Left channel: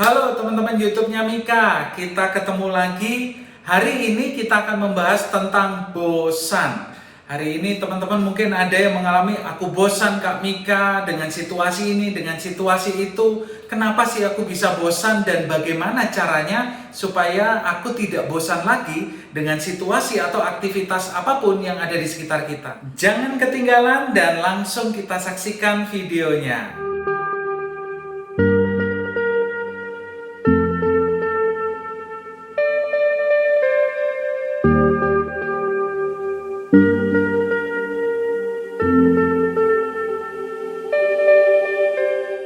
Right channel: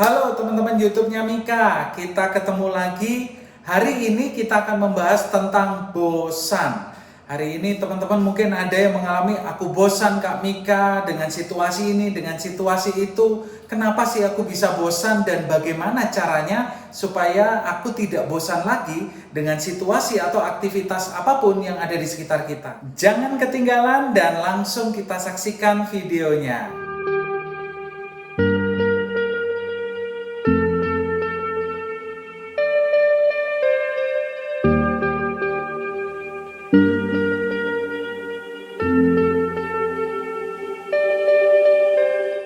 Halo teman-teman YouTube-nya Mika, kita ketemu lagi. Hari ini kita akan membahas tentang bosan. Hari ini teman-teman mungkin ada yang mengalami, aku bosan Kak Mika dengan situasi ini, dengan situasi itu. Kenapa sih aku bisa bosan dan bagaimana caranya supaya aku tidak bosan lagi dengan situasi atau aktivitas apapun yang ada di sekitar kita. Jangan ketinggalan dan langsung kita saksikan videonya.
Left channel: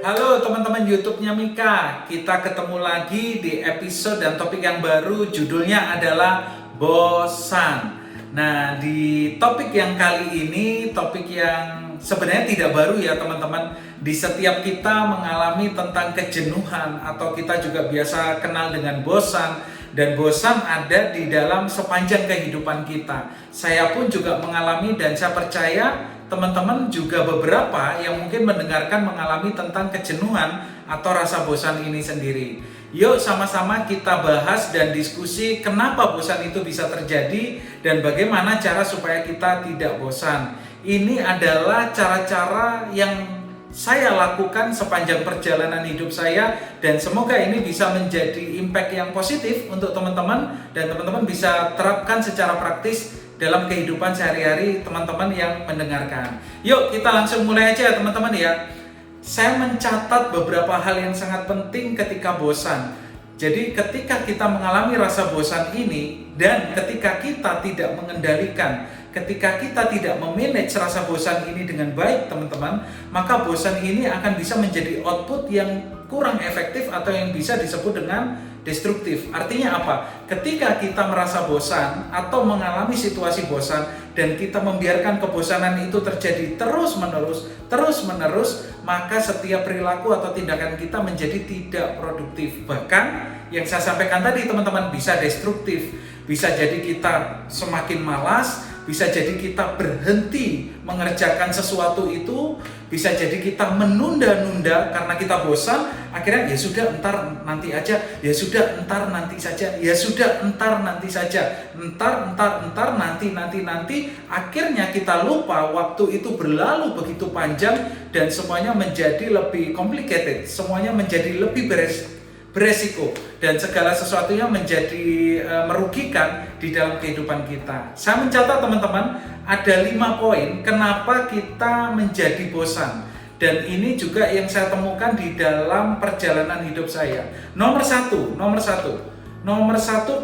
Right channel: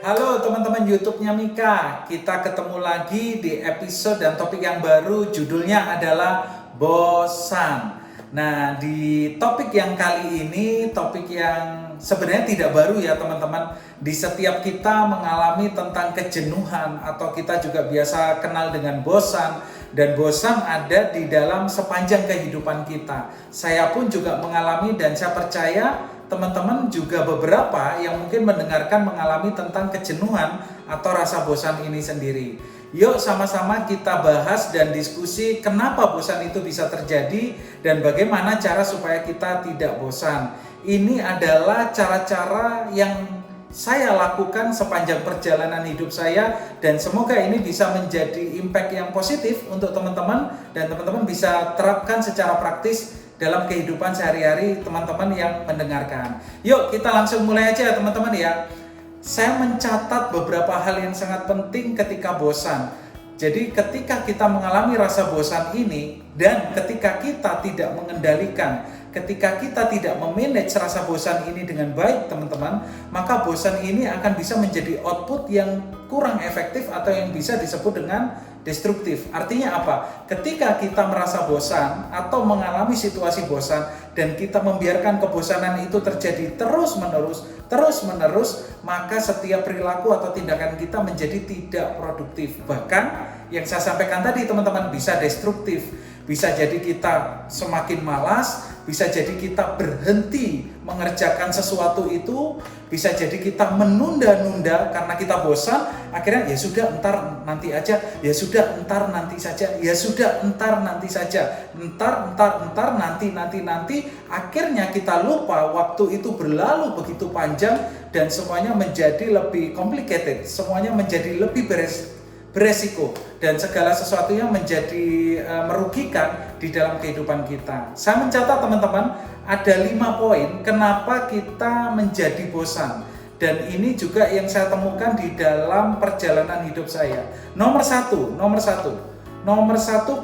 Halo teman-teman YouTube-nya Mika, kita ketemu lagi di episode dan topik yang baru, judulnya adalah bosan. Nah, di topik yang kali ini, topik yang sebenarnya tidak baru ya teman-teman. Di setiap kita mengalami tentang kejenuhan atau kita juga biasa kenal dengan bosan. Dan bosan ada di dalam sepanjang kehidupan kita. Saya pun juga mengalami dan saya percaya teman-teman juga beberapa yang mungkin mendengarkan mengalami tentang kejenuhan atau rasa bosan ini sendiri. Yuk sama-sama kita bahas dan diskusi kenapa bosan itu bisa terjadi dan bagaimana cara supaya kita tidak bosan. Ini adalah cara-cara yang saya lakukan sepanjang perjalanan hidup saya dan semoga ini bisa menjadi impact yang positif untuk teman-teman dan teman-teman bisa terapkan secara praktis dalam kehidupan sehari-hari teman-teman yang mendengarkan. Yuk kita langsung mulai aja teman-teman ya. Saya mencatat beberapa hal yang sangat penting ketika bosan. Jadi ketika kita mengalami rasa bosan ini dan ketika kita tidak mengendalikan, ketika kita tidak memanage rasa bosan ini dengan baik teman-teman, maka bosan ini akan bisa menjadi output yang kurang efektif atau yang bisa disebut dengan destruktif. Artinya apa? Ketika kita merasa bosan atau mengalami situasi bosan dan kita membiarkan kebosanan itu terjadi terus-menerus, maka setiap perilaku atau tindakan kita menjadi tidak produktif. Bahkan yang saya sampaikan tadi teman-teman bisa destruktif. Bisa jadi kita semakin malas, bisa jadi kita berhenti mengerjakan sesuatu itu, bisa jadi kita menunda-nunda karena kita bosan, akhirnya ya sudah entar nanti aja, ya sudah entar nanti saja, ya sudah entar nanti saja, entar nanti, akhirnya kita lupa waktu itu berlalu begitu panjang dan semuanya menjadi lebih complicated, semuanya menjadi lebih beresiko dan segala sesuatunya menjadi merugikan di dalam kehidupan kita. Saya mencatat teman-teman ada 5 poin kenapa kita menjadi bosan dan ini juga yang saya temukan di dalam perjalanan hidup saya. Nomor satu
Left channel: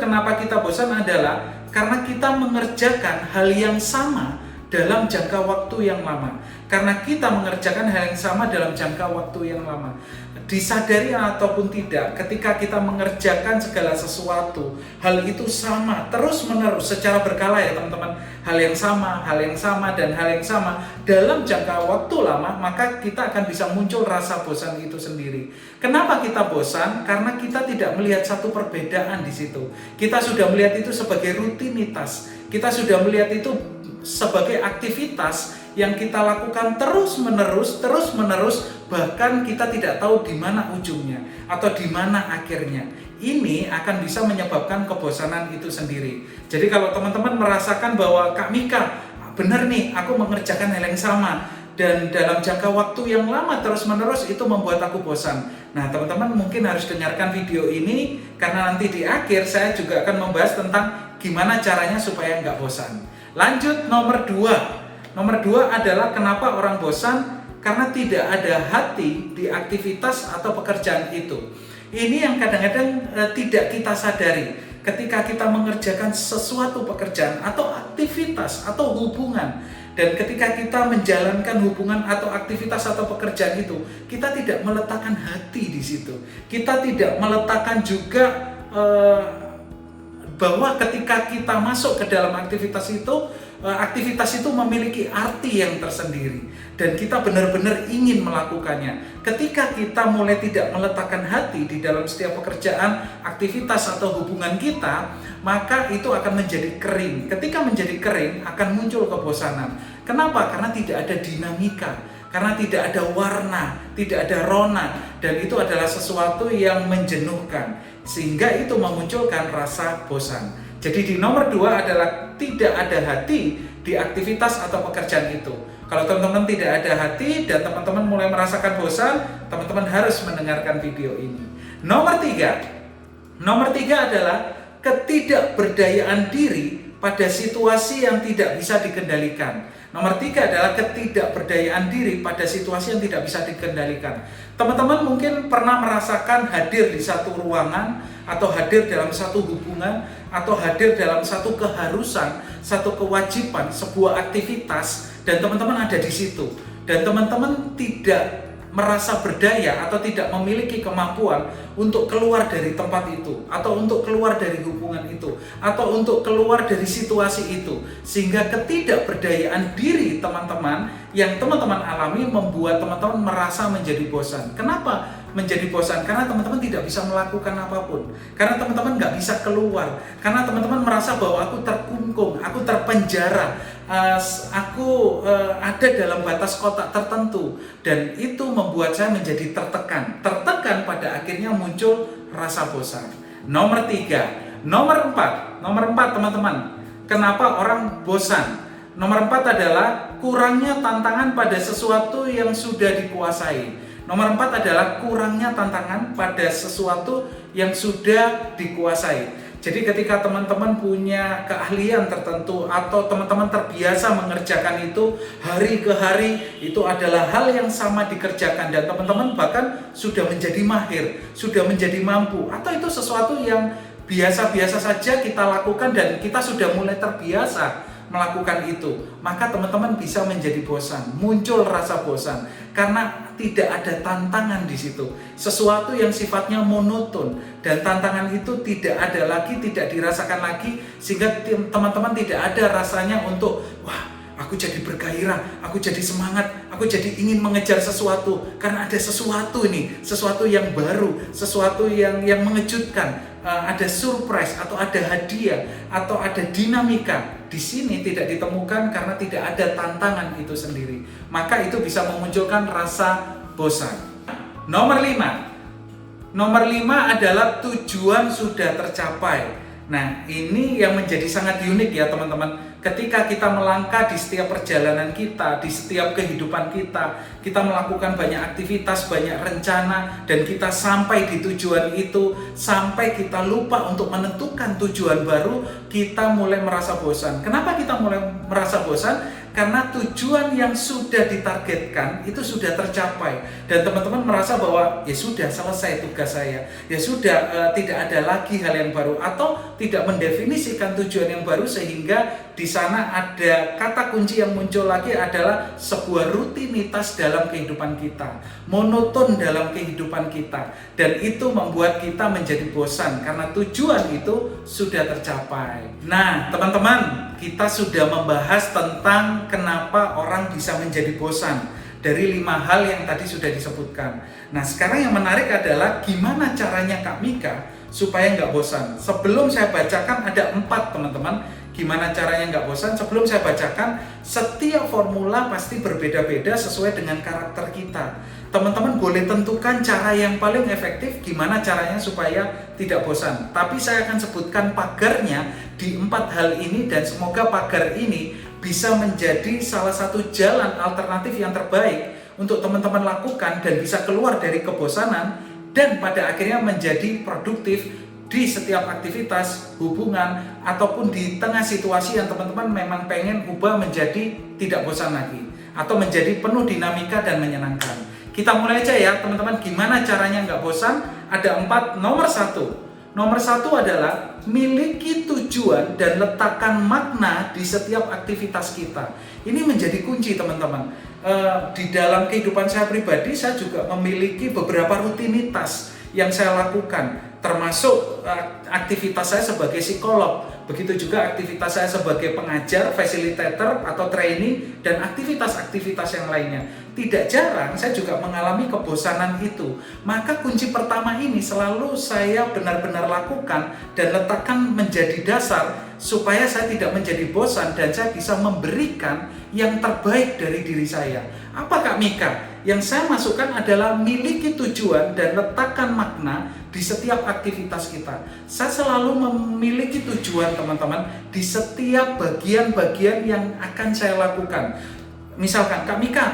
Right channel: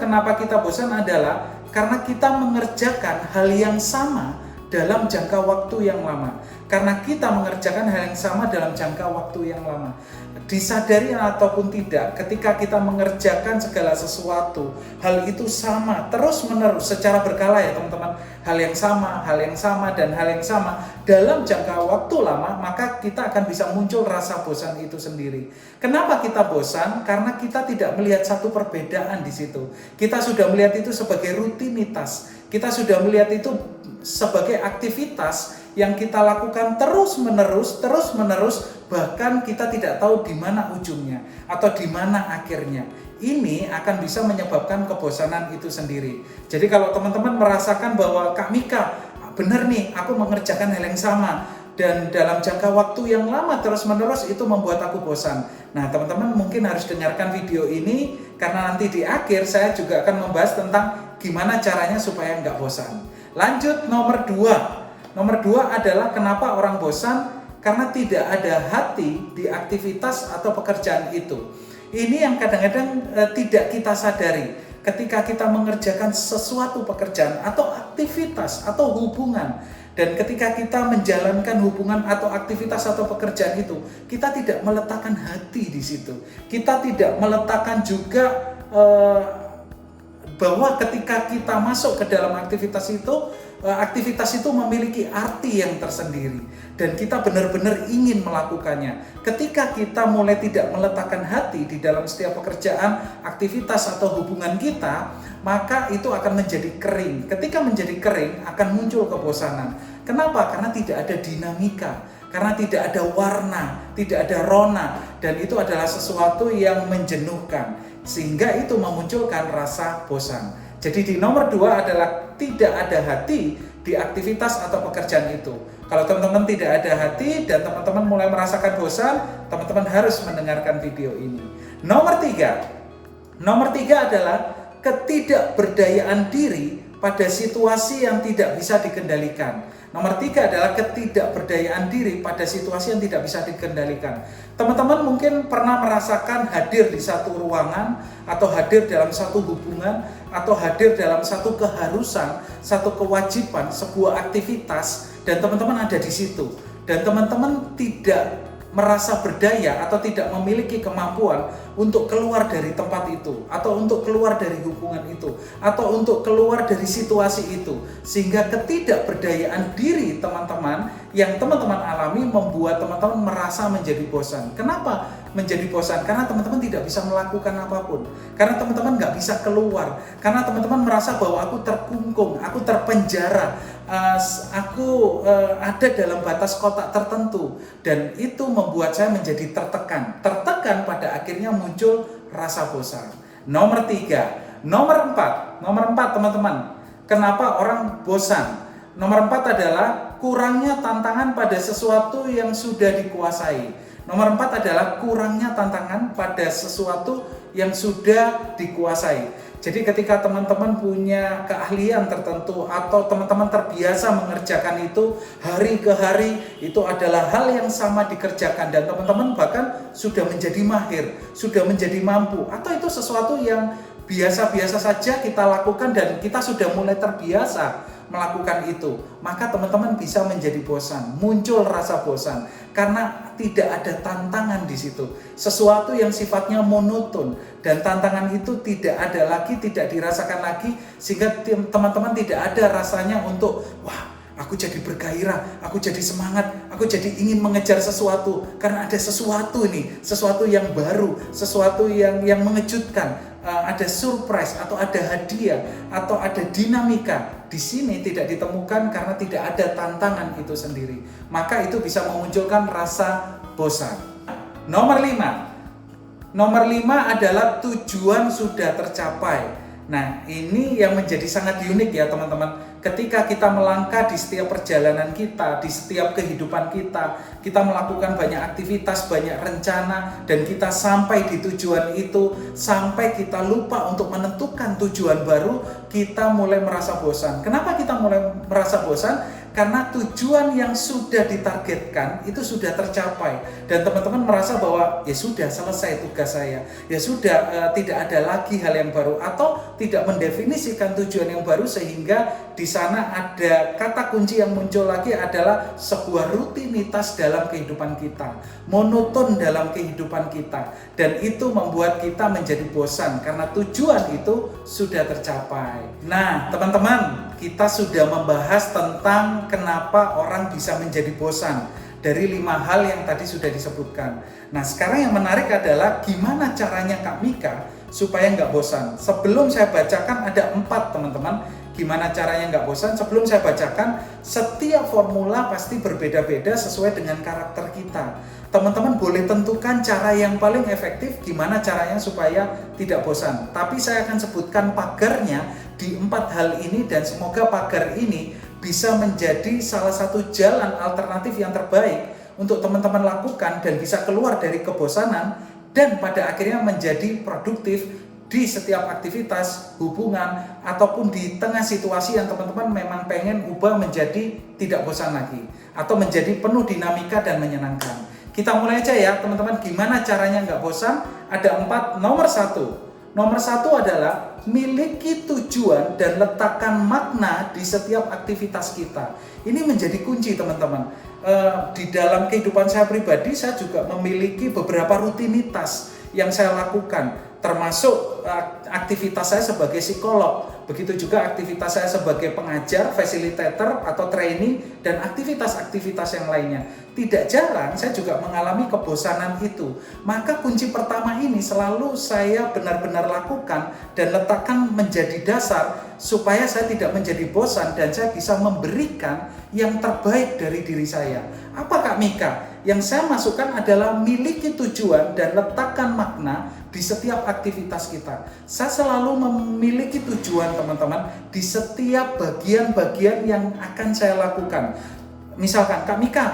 kenapa kita bosan adalah karena kita mengerjakan hal yang sama dalam jangka waktu yang lama. Karena kita mengerjakan hal yang sama dalam jangka waktu yang lama. Disadari ataupun tidak, ketika kita mengerjakan segala sesuatu, hal itu sama terus-menerus secara berkala ya teman-teman. Hal yang sama dan hal yang sama dalam jangka waktu lama, maka kita akan bisa muncul rasa bosan itu sendiri. Kenapa kita bosan? Karena kita tidak melihat satu perbedaan di situ. Kita sudah melihat itu sebagai rutinitas. Kita sudah melihat itu sebagai aktivitas yang kita lakukan terus-menerus, bahkan kita tidak tahu di mana ujungnya atau di mana akhirnya. Ini akan bisa menyebabkan kebosanan itu sendiri. Jadi kalau teman-teman merasakan bahwa Kak Mika, benar nih aku mengerjakan hal yang sama dan dalam jangka waktu yang lama terus-menerus itu membuat aku bosan. Nah teman-teman mungkin harus dengarkan video ini karena nanti di akhir saya juga akan membahas tentang gimana caranya supaya nggak bosan. Lanjut nomor 2. Nomor 2 adalah kenapa orang bosan? Karena tidak ada hati di aktivitas atau pekerjaan itu. Ini yang kadang-kadang tidak kita sadari. Ketika kita mengerjakan sesuatu pekerjaan atau aktivitas atau hubungan, dan ketika kita menjalankan hubungan atau aktivitas atau pekerjaan itu, kita tidak meletakkan hati di situ. Kita tidak meletakkan juga bahwa ketika kita masuk ke dalam aktivitas itu memiliki arti yang tersendiri dan kita benar-benar ingin melakukannya. Ketika kita mulai tidak meletakkan hati di dalam setiap pekerjaan, aktivitas atau hubungan kita, maka itu akan menjadi kering. Ketika menjadi kering akan muncul kebosanan. Kenapa? Karena tidak ada dinamika. karena tidak ada warna, tidak ada rona, dan itu adalah sesuatu yang menjenuhkan, sehingga itu memunculkan rasa bosan. Jadi di nomor 2 adalah tidak ada hati di aktivitas atau pekerjaan itu. Kalau teman-teman tidak ada hati dan teman-teman mulai merasakan bosan, teman-teman harus mendengarkan video ini. Nomor 3 adalah ketidakberdayaan diri pada situasi yang tidak bisa dikendalikan. Nomor 3 adalah ketidakberdayaan diri pada situasi yang tidak bisa dikendalikan. Teman-teman mungkin pernah merasakan hadir di satu ruangan, atau hadir dalam satu hubungan, atau hadir dalam satu keharusan, satu kewajiban, sebuah aktivitas, dan teman-teman ada di situ. Dan teman-teman tidak merasa berdaya atau tidak memiliki kemampuan untuk keluar dari tempat itu, atau untuk keluar dari hubungan itu, atau untuk keluar dari situasi itu, sehingga ketidakberdayaan diri teman-teman yang teman-teman alami membuat teman-teman merasa menjadi bosan. Kenapa menjadi bosan? Karena teman-teman tidak bisa melakukan apapun, karena teman-teman nggak bisa keluar, karena teman-teman merasa bahwa aku terkungkung, aku terpenjara, aku ada dalam batas kotak tertentu, dan itu membuat saya menjadi tertekan pada akhirnya muncul rasa bosan. Nomor 4 teman-teman, kenapa orang bosan? Nomor 4 adalah kurangnya tantangan pada sesuatu yang sudah dikuasai. Nomor 4 adalah kurangnya tantangan pada sesuatu yang sudah dikuasai. Jadi ketika teman-teman punya keahlian tertentu atau teman-teman terbiasa mengerjakan itu hari ke hari, itu adalah hal yang sama dikerjakan dan teman-teman bahkan sudah menjadi mahir, sudah menjadi mampu, atau itu sesuatu yang biasa-biasa saja kita lakukan dan kita sudah mulai terbiasa melakukan itu, maka teman-teman bisa menjadi bosan, muncul rasa bosan karena tidak ada tantangan di situ. Sesuatu yang sifatnya monoton dan tantangan itu tidak ada lagi, tidak dirasakan lagi, sehingga teman-teman tidak ada rasanya untuk wah, aku jadi bergairah, aku jadi semangat, aku jadi ingin mengejar sesuatu karena ada sesuatu ini, sesuatu yang baru, sesuatu yang mengejutkan. Ada surprise atau ada hadiah atau ada dinamika di sini tidak ditemukan karena tidak ada tantangan itu sendiri. Maka itu bisa memunculkan rasa bosan. Nomor 5 adalah tujuan sudah tercapai. Nah, ini yang menjadi sangat unik ya teman-teman. Ketika kita melangkah di setiap perjalanan kita, di setiap kehidupan kita melakukan banyak aktivitas, banyak rencana, dan kita sampai di tujuan itu, sampai kita lupa untuk menentukan tujuan baru, kita mulai merasa bosan. Kenapa kita mulai merasa bosan? Karena tujuan yang sudah ditargetkan itu sudah tercapai dan teman-teman merasa bahwa ya sudah selesai tugas saya, ya sudah tidak ada lagi hal yang baru atau tidak mendefinisikan tujuan yang baru, sehingga di sana ada kata kunci yang muncul lagi adalah sebuah rutinitas dalam kehidupan kita, monoton dalam kehidupan kita, dan itu membuat kita menjadi bosan karena tujuan itu sudah tercapai. Nah teman-teman, kita sudah membahas tentang kenapa orang bisa menjadi bosan dari 5 hal yang tadi sudah disebutkan. Nah sekarang yang menarik adalah gimana caranya Kak Mika supaya nggak bosan. Sebelum saya bacakan ada 4 teman-teman, gimana caranya nggak bosan. Sebelum saya bacakan, setiap formula pasti berbeda-beda sesuai dengan karakter kita. Teman-teman boleh tentukan cara yang paling efektif gimana caranya supaya tidak bosan. Tapi saya akan sebutkan pagarnya di 4 hal ini dan semoga pagar ini bisa menjadi salah satu jalan alternatif yang terbaik untuk teman-teman lakukan dan bisa keluar dari kebosanan dan pada akhirnya menjadi produktif di setiap aktivitas, hubungan, ataupun di tengah situasi yang teman-teman memang pengen ubah menjadi tidak bosan lagi atau menjadi penuh dinamika dan menyenangkan. Kita mulai aja ya teman-teman, gimana caranya nggak bosan? Ada 4. Nomor satu adalah miliki tujuan dan letakkan makna di setiap aktivitas kita. Ini menjadi kunci teman-teman. Di dalam kehidupan saya pribadi, saya juga memiliki beberapa rutinitas yang saya lakukan, termasuk aktivitas saya sebagai psikolog. begitu juga aktivitas saya sebagai pengajar, fasilitator atau training, dan aktivitas-aktivitas yang lainnya. Tidak jarang saya juga mengalami kebosanan itu. Maka kunci pertama ini selalu saya benar-benar lakukan dan letakkan menjadi dasar supaya saya tidak menjadi bosan dan saya bisa memberikan yang terbaik dari diri saya. Apa Kak Mika? Yang saya masukkan adalah miliki tujuan dan letakkan makna di setiap aktivitas kita. Saya selalu memiliki tujuan teman-teman di setiap bagian-bagian yang akan saya lakukan. Misalkan Kak Mika,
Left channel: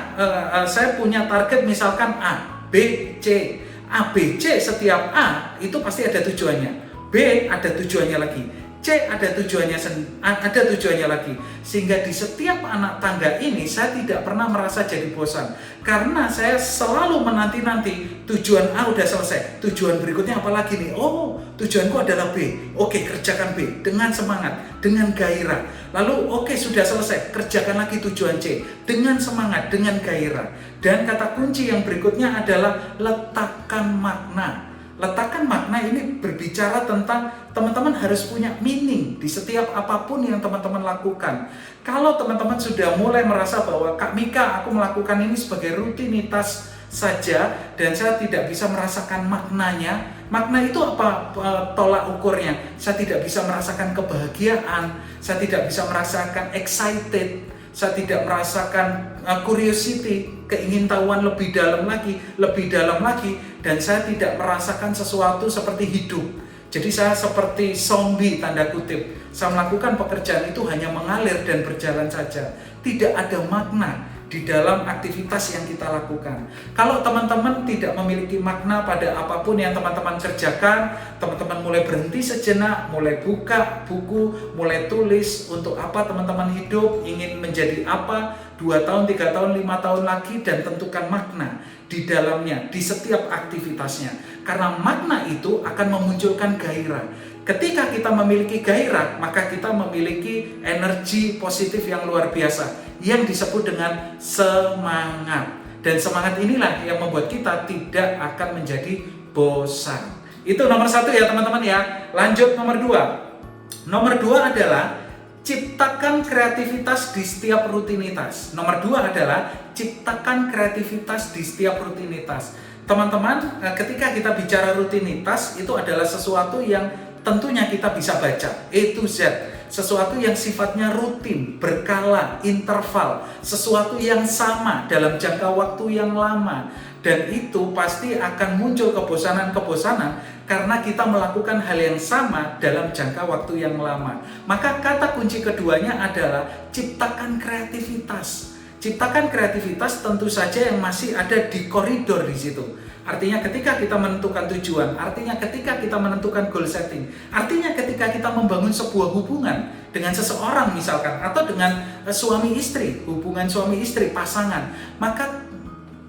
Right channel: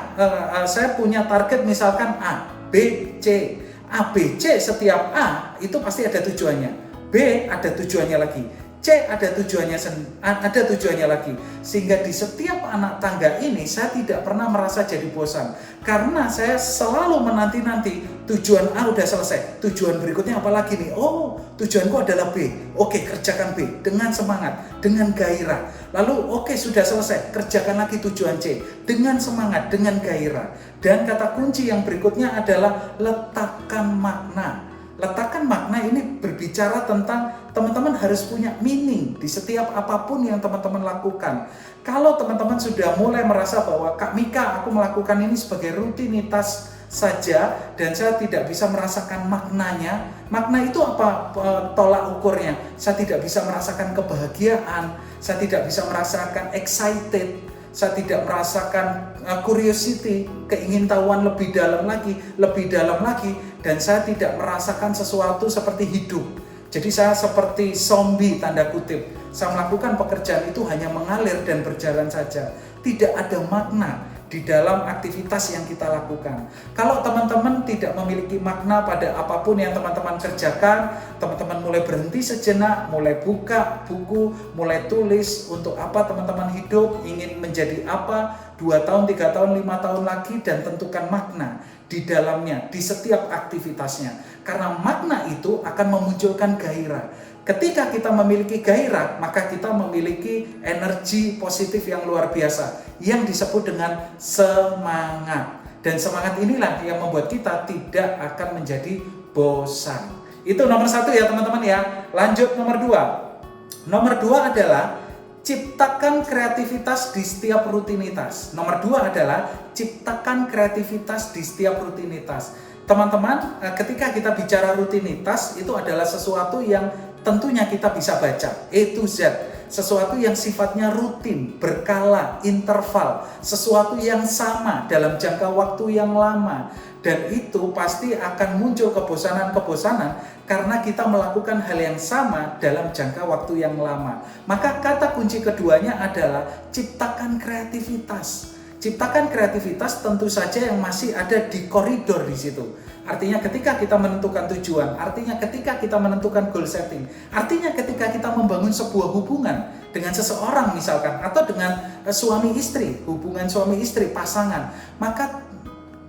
saya punya target misalkan A, B, C. A, B, C, setiap A itu pasti ada tujuannya. B ada tujuannya lagi. C ada tujuannya lagi. Sehingga di setiap anak tangga ini saya tidak pernah merasa jadi bosan. Karena saya selalu menanti-nanti tujuan A udah selesai. Tujuan berikutnya apa lagi nih? Oh, tujuanku adalah B. Oke, kerjakan B dengan semangat, dengan gairah. Lalu oke, sudah selesai. Kerjakan lagi tujuan C dengan semangat, dengan gairah. Dan kata kunci yang berikutnya adalah letakkan makna. Letakkan makna ini berbicara tentang teman-teman harus punya meaning di setiap apapun yang teman-teman lakukan. Kalau teman-teman sudah mulai merasa bahwa Kak Mika, aku melakukan ini sebagai rutinitas saja dan saya tidak bisa merasakan maknanya. Makna itu apa tolak ukurnya? Saya tidak bisa merasakan kebahagiaan, saya tidak bisa merasakan excited, saya tidak merasakan curiosity, keingintahuan lebih dalam lagi, dan saya tidak merasakan sesuatu seperti hidup. Jadi saya seperti zombie tanda kutip. Saya melakukan pekerjaan itu hanya mengalir dan berjalan saja. Tidak ada makna di dalam aktivitas yang kita lakukan. Kalau teman-teman tidak memiliki makna pada apapun yang teman-teman kerjakan, teman-teman mulai berhenti sejenak, mulai buka buku, mulai tulis untuk apa teman-teman hidup, ingin menjadi apa, 2 tahun, 3 tahun, 5 tahun lagi, dan tentukan makna di dalamnya, di setiap aktivitasnya. Karena makna itu akan memunculkan gairah. Ketika kita memiliki gairah, maka kita memiliki energi positif yang luar biasa yang disebut dengan semangat. Dan semangat inilah yang membuat kita tidak akan menjadi bosan. Itu nomor 1 ya teman-teman ya. Lanjut nomor 2. Nomor 2 adalah ciptakan kreativitas di setiap rutinitas. Nomor 2 adalah ciptakan kreativitas di setiap rutinitas. Teman-teman, ketika kita bicara rutinitas, itu adalah sesuatu yang tentunya kita bisa baca A to Z, sesuatu yang sifatnya rutin, berkala, interval, sesuatu yang sama dalam jangka waktu yang lama, dan itu pasti akan muncul kebosanan-kebosanan karena kita melakukan hal yang sama dalam jangka waktu yang lama. Maka kata kunci keduanya adalah ciptakan kreativitas. Ciptakan kreativitas tentu saja yang masih ada di koridor di situ. Artinya ketika kita menentukan tujuan, artinya ketika kita menentukan goal setting, artinya ketika kita membangun sebuah hubungan dengan seseorang misalkan, atau dengan suami istri, hubungan suami istri, pasangan, maka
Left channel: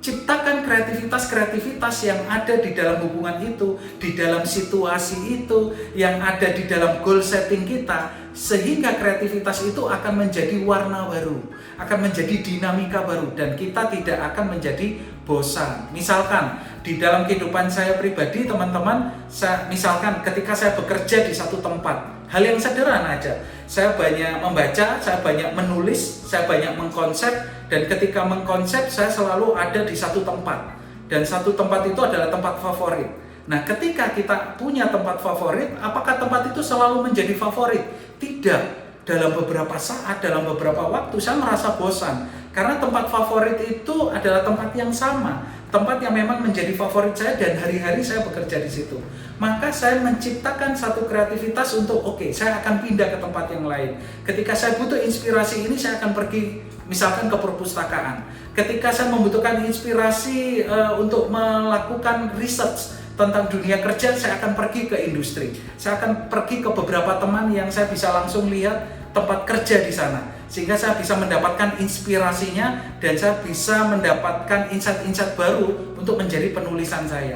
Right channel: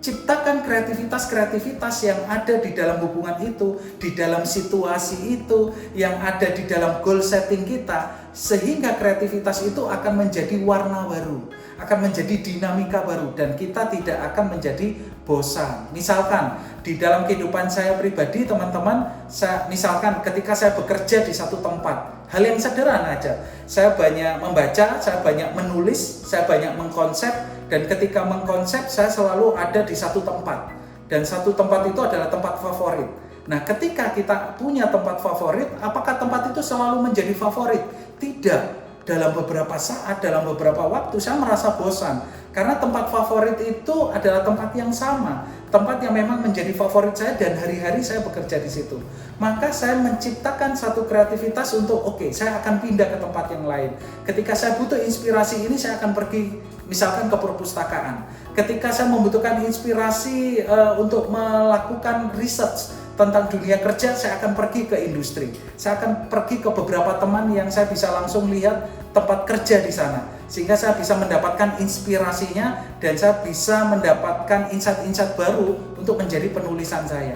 ciptakan kreativitas-kreativitas yang ada di dalam hubungan itu, di dalam situasi itu, yang ada di dalam goal setting kita, sehingga kreativitas itu akan menjadi warna baru, akan menjadi dinamika baru, dan kita tidak akan menjadi bosan. Misalkan di dalam kehidupan saya pribadi teman-teman, misalkan ketika saya bekerja di satu tempat, hal yang sederhana aja, saya banyak membaca, saya banyak menulis, saya banyak mengkonsep, dan ketika mengkonsep saya selalu ada di satu tempat, dan satu tempat itu adalah tempat favorit. Nah, ketika kita punya tempat favorit, apakah tempat itu selalu menjadi favorit? Tidak. Dalam beberapa saat, dalam beberapa waktu saya merasa bosan, karena tempat favorit itu adalah tempat yang sama, tempat yang memang menjadi favorit saya dan hari-hari saya bekerja di situ. Maka saya menciptakan satu kreativitas untuk saya akan pindah ke tempat yang lain. Ketika saya butuh inspirasi ini, saya akan pergi misalkan ke perpustakaan. Ketika saya membutuhkan inspirasi untuk melakukan research tentang dunia kerja, saya akan pergi ke industri. Saya akan pergi ke beberapa teman yang saya bisa langsung lihat tempat kerja di sana, sehingga saya bisa mendapatkan inspirasinya dan saya bisa mendapatkan insight-insight baru untuk menjadi penulisan saya.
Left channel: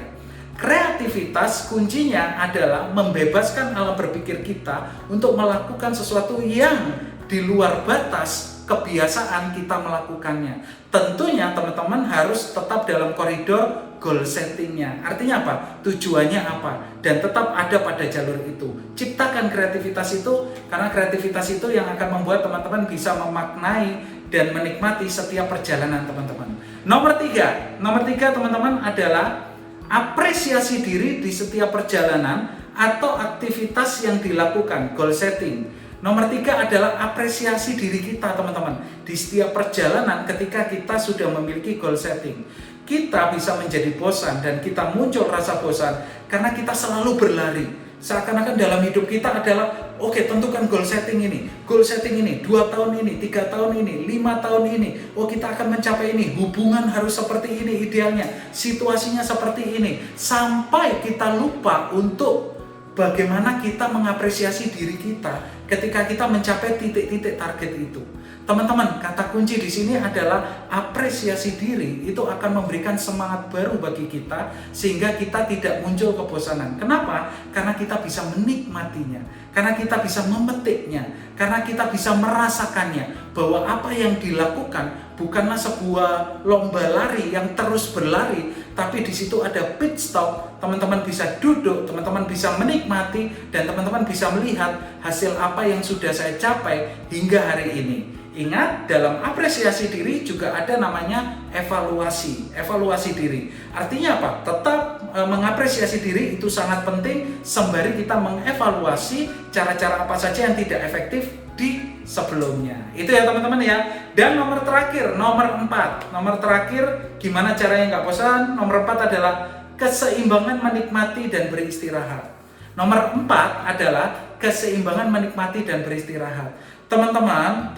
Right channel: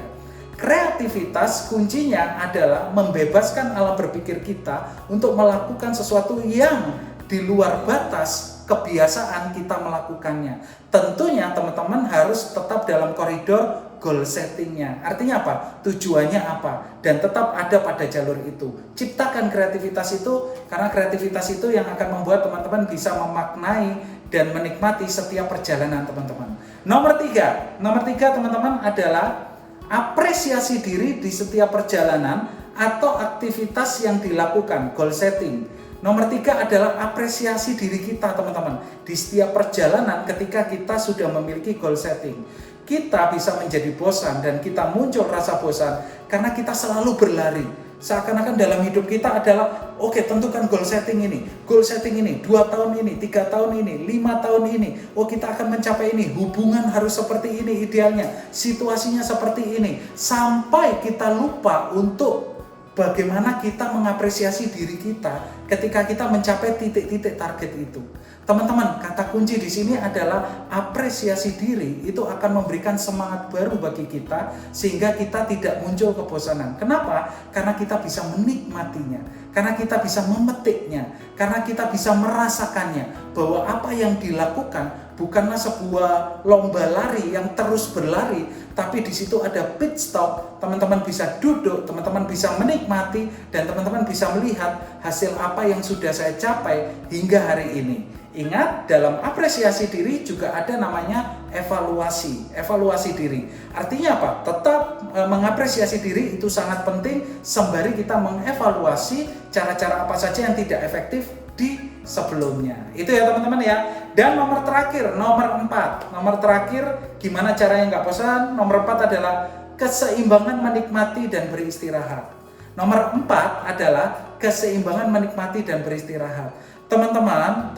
Kreativitas kuncinya adalah membebaskan alam berpikir kita untuk melakukan sesuatu yang di luar batas kebiasaan kita melakukannya. Tentunya teman-teman harus tetap dalam koridor goal settingnya. Artinya apa? Tujuannya apa? Dan tetap ada pada jalur itu. Ciptakan kreativitas itu, karena kreativitas itu yang akan membuat teman-teman bisa memaknai dan menikmati setiap perjalanan teman-teman. Nomor tiga teman-teman adalah apresiasi diri di setiap perjalanan atau aktivitas yang dilakukan, goal setting. Nomor 3 adalah apresiasi diri kita teman-teman. Di setiap perjalanan ketika kita sudah memiliki goal setting, kita bisa menjadi bosan dan kita muncul rasa bosan karena kita selalu berlari. Seakan-akan dalam hidup kita adalah oke, tentukan goal setting ini 2 tahun ini, 3 tahun ini, 5 tahun ini. Oh, kita akan mencapai ini, hubungan harus seperti ini idealnya, situasinya seperti ini. Sampai kita lupa untuk bagaimana kita mengapresiasi diri kita ketika kita mencapai titik-titik target itu. Teman-teman, kata kunci di sini adalah apresiasi diri itu akan memberikan semangat baru bagi kita sehingga kita tidak muncul kebosanan. Kenapa? Karena kita bisa menikmatinya, karena kita bisa memetiknya, karena kita bisa merasakannya bahwa apa yang dilakukan bukanlah sebuah lomba lari yang terus berlari, tapi di situ ada pit stop. Teman-teman bisa duduk, teman-teman bisa menikmati, dan teman-teman bisa melihat hasil apa yang sudah saya capai hingga hari ini. Ingat, dalam apresiasi diri juga ada namanya evaluasi diri. Artinya apa? Tetap mengapresiasi diri itu sangat penting sembari kita mengevaluasi cara-cara apa saja yang tidak efektif di sebelumnya. Itu ya teman-teman ya. Dan nomor terakhir, nomor 4. Nomor terakhir, gimana caranya nggak bosan? Nomor 4 adalah keseimbangan menikmati dan beristirahat. Nomor 4 adalah keseimbangan menikmati dan beristirahat. Teman-teman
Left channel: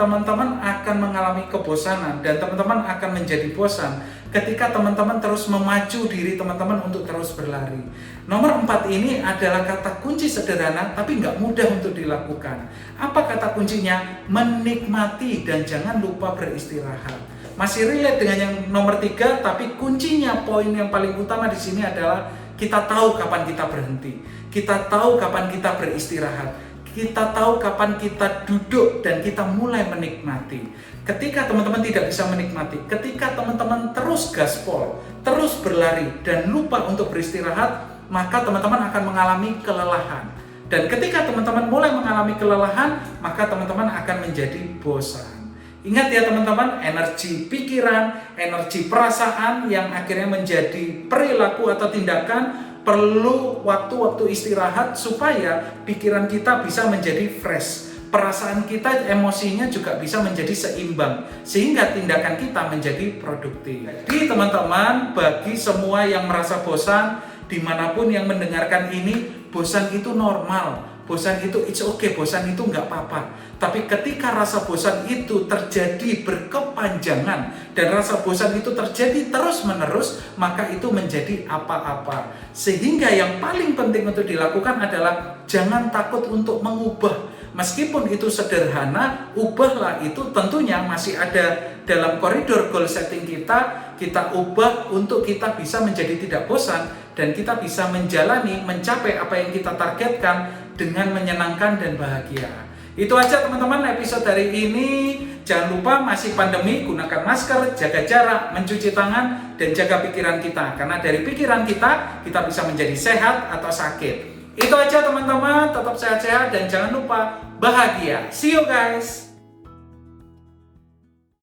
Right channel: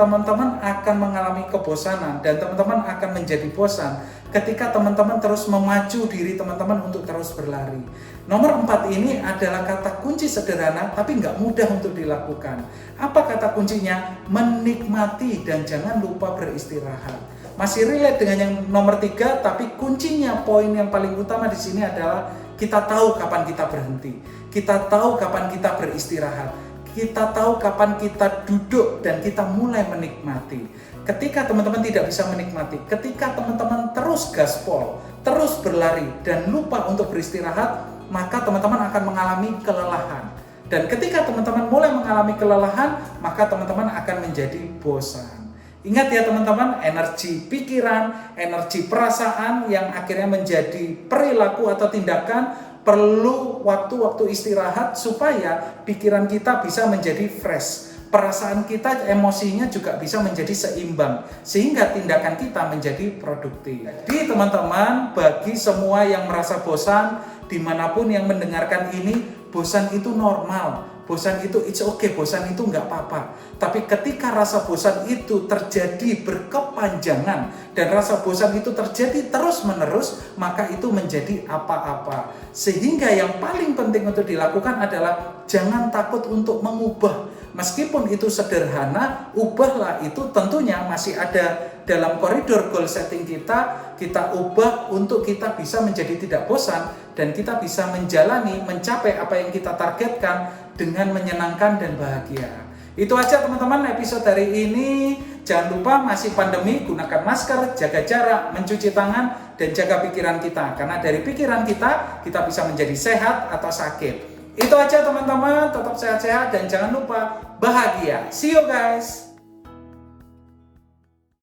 akan mengalami kebosanan dan teman-teman akan menjadi bosan ketika teman-teman terus memacu diri teman-teman untuk terus berlari. Nomor 4 ini adalah kata kunci sederhana tapi nggak mudah untuk dilakukan. Apa kata kuncinya? Menikmati dan jangan lupa beristirahat. Masih relate dengan yang nomor 3, tapi kuncinya, poin yang paling utama di sini adalah kita tahu kapan kita berhenti, kita tahu kapan kita beristirahat, kita tahu kapan kita duduk dan kita mulai menikmati. Ketika teman-teman tidak bisa menikmati, ketika teman-teman terus gaspol, terus berlari dan lupa untuk beristirahat, maka teman-teman akan mengalami kelelahan. Dan ketika teman-teman mulai mengalami kelelahan, maka teman-teman akan menjadi bosan. Ingat ya teman-teman, energi pikiran, energi perasaan yang akhirnya menjadi perilaku atau tindakan perlu waktu-waktu istirahat supaya pikiran kita bisa menjadi fresh. Perasaan kita, emosinya juga bisa menjadi seimbang sehingga tindakan kita menjadi produktif. Jadi teman-teman, bagi semua yang merasa bosan, dimanapun yang mendengarkan ini, bosan itu normal. Bosan itu it's okay, bosan itu nggak apa-apa. Tapi ketika rasa bosan itu terjadi berkepanjangan dan rasa bosan itu terjadi terus-menerus, maka itu menjadi apa-apa. Sehingga yang paling penting untuk dilakukan adalah jangan takut untuk mengubah. Meskipun itu sederhana, ubahlah itu tentunya masih ada dalam koridor goal setting kita ubah untuk kita bisa menjadi tidak bosan dan kita bisa menjalani, mencapai apa yang kita targetkan dengan menyenangkan dan bahagia. Itu aja teman-teman episode hari ini. Jangan lupa masih pandemi, gunakan masker, jaga jarak, mencuci tangan, dan jaga pikiran kita. Karena dari pikiran kita bisa menjadi sehat atau sakit. Itu aja teman-teman, tetap sehat-sehat dan jangan lupa bahagia. See you guys!